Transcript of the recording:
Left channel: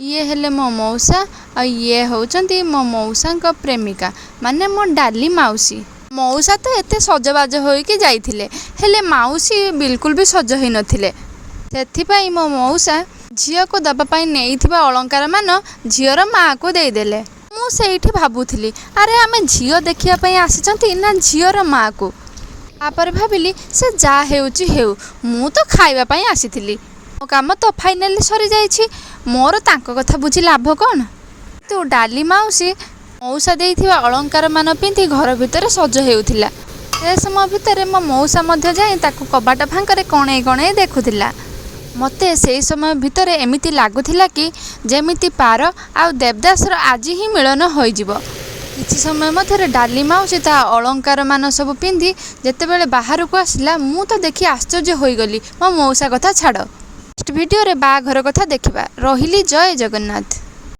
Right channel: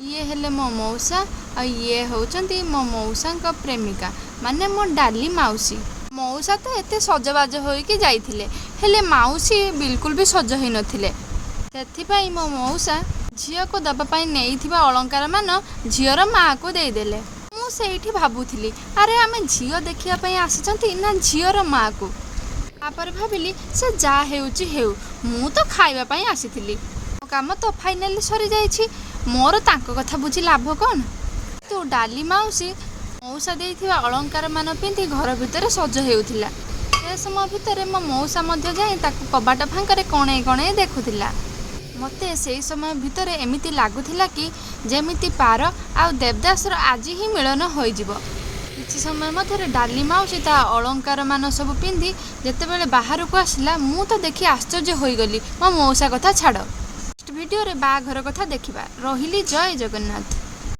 ये हेले मो मौसा आ ये होचंती मो मौसा प्रेमिका माने मो डाली माउसी। मौसा तो एते सजबाज होइकी जाइथिले हेले माउसी बिल्कुल भी सज होई नथिले। सेथिपाई मो मौसा झियो को दबा पाई नेइथिबा अलंकार मान झियोर माँ को देदेले। मु सेठी भाबुथिली अरे आमे झियो देखिया पई आसिचंती ना झियोर माँ को। तापर भाबिली से जा हेउची हेउ मु तो खाइबा पई आसिथिली। मो काम तो फाइनाली सरी जाइछि मोर तांको कथा बुझी लाभ कौन। तू डाली माउसी मौसा देइथिबा अलंकार मान पिंधि घर भितर सज हेउथिला। से समय भितर मो मौसा मध्य जाई ताकू कबाट फांकरे कणे कणे देखुथिला। मते से समय भितर एमिति लागुथिला कि जेमिति पार आ देवदासर आज ही मिलन होइजिवो। किछि समय मध्य डाली माउसी ता अलंकार मान सब पिंधि जेतेबेले बाहर को आसिला मु तो देखि आश्चर्य होइगली। मो मौसा कथा छाड़ नेक्स्ट वीडियो रे बाघर कथा देखिबा। रहिली जय जगन्नाथ।